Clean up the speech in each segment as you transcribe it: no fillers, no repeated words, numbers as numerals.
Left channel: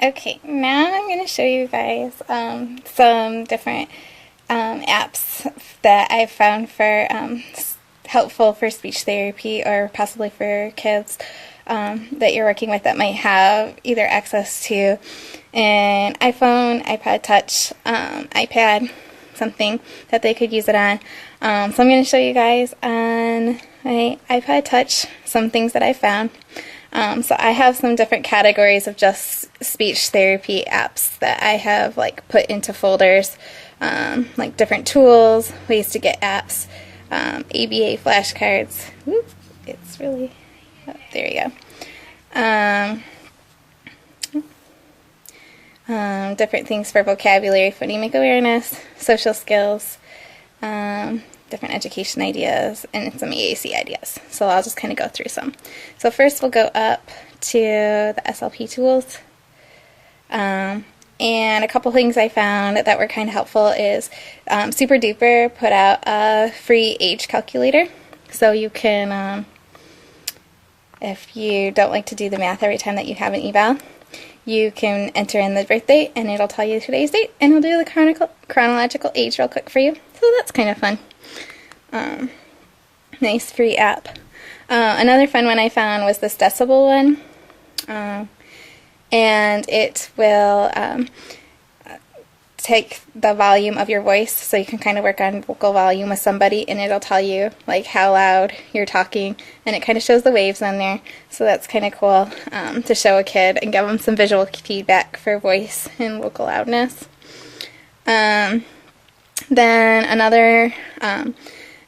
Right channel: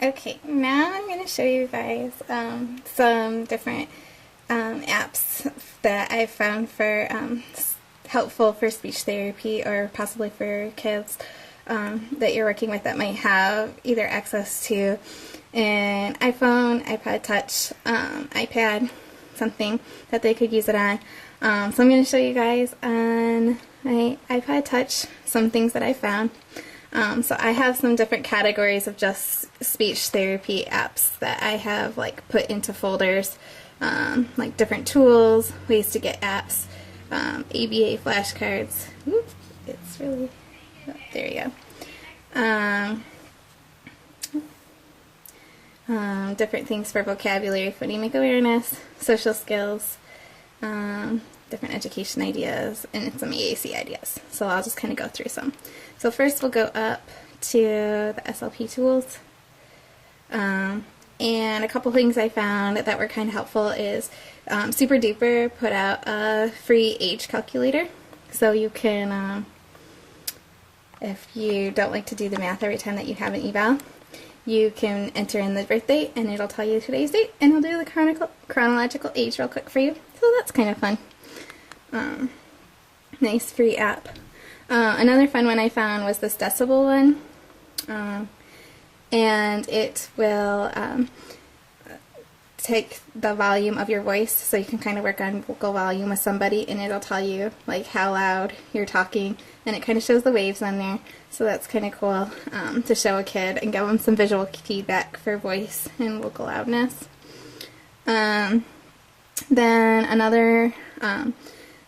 Okay, now I'm going to show you guys some different apps that I've found for helpful for speech therapy or possibly for kids that you're working with that might have either access to an iPhone, iPod Touch, iPad, something that they could use it on. So I'm going to show you guys on my iPod Touch some things that I found. So I have some different categories of just speech therapy apps that I have like put into folders, like different tools, ways to get apps, ABA flashcards. Whoop, it's really, oh, there you go. Different things for vocabulary, phonemic awareness, social skills, different education ideas, and some EAC ideas. So I'll just kind of go through some. So first we'll go up to the SLP tools. And a couple things I found that were kind of helpful is Super Duper put out a free age calculator. So you can, if you don't like to do the math every time that you have an eval, you can enter in the birth date and it'll tell you today's date and it'll do the chronological age real quick for you. So that's kind of fun. Nice free app. Another fun one I found was this decibel one. And it will take the volume of your voice, so you can kind of work on vocal volume with somebody, and it'll tell you like how loud you're talking, and it kind of shows the waves on there. So that's kind of cool to show a kid and give them some visual feedback for voice and vocal loudness. Then another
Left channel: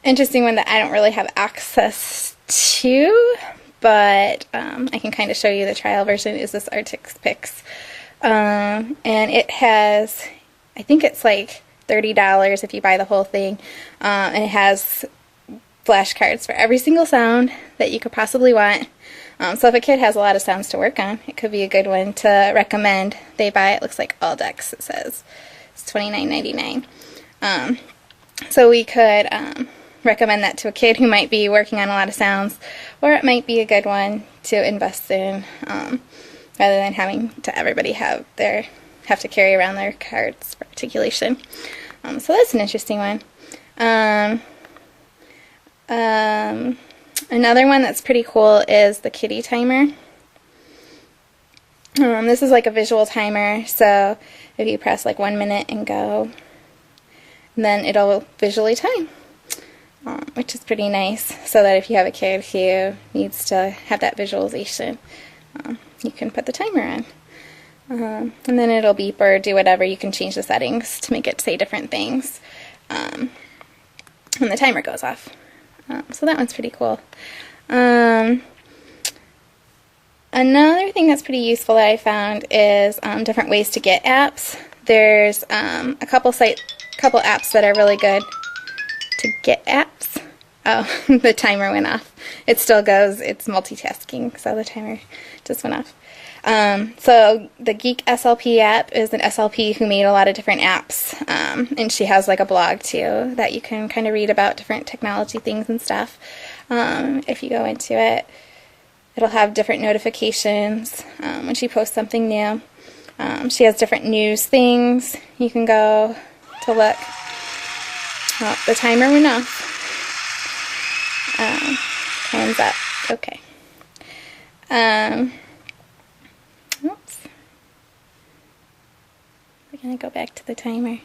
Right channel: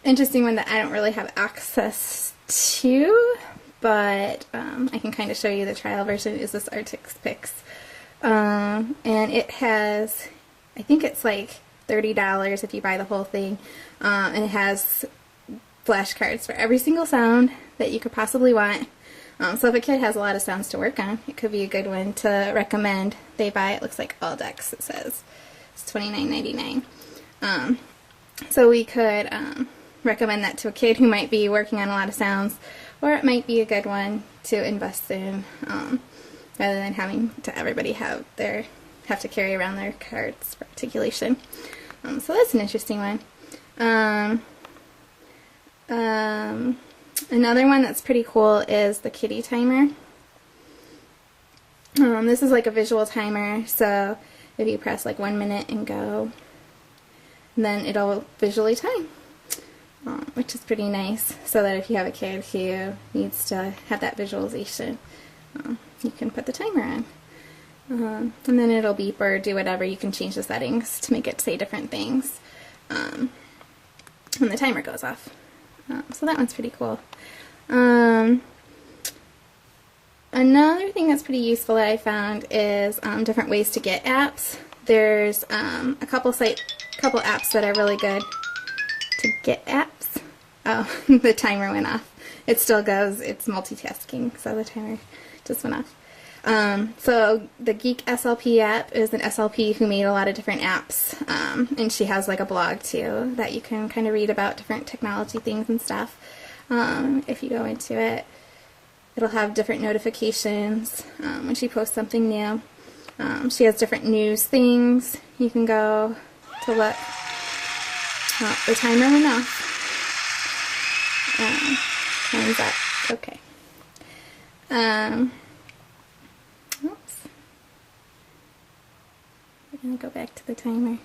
interesting one that I don't really have access to, but I can kind of show you the trial version, is this Artix Pix. And it has, I think it's like $30 if you buy the whole thing. And it has flashcards for every single sound that you could possibly want. So if a kid has a lot of sounds to work on, it could be a good one to recommend they buy. It looks like all decks, it says. It's $29.99. So we could recommend that to a kid who might be working on a lot of sounds, or it might be a good one to invest in, rather than having to everybody have to carry around their cards for articulation. So that's an interesting one. Another one that's pretty cool is the kitty timer. This is like a visual timer, so if you press like 1 minute and go, then it'll visually time. Which is pretty nice, so that if you have a kid who needs to have that visualization, you can put the timer on. And then it'll beep or do whatever. You can change the settings to make it say different things. And the timer goes off. So that one's pretty cool. Another thing that's pretty useful that I found is different ways to get apps. There's a couple apps that are really good to get apps. Oh, the timer went off. It still goes. It's multitasking, so the timer just went off. So the Geek SLP app is an SLP who made a lot of different apps, and she has like a blog too that you can kind of read about different technology things and stuff. If you go into it, it'll have different notifications when she posts something new. She has different news things you can go to look. Oh, the timer went off. Time's up. Okay. Oops. We're going to go back to the timer.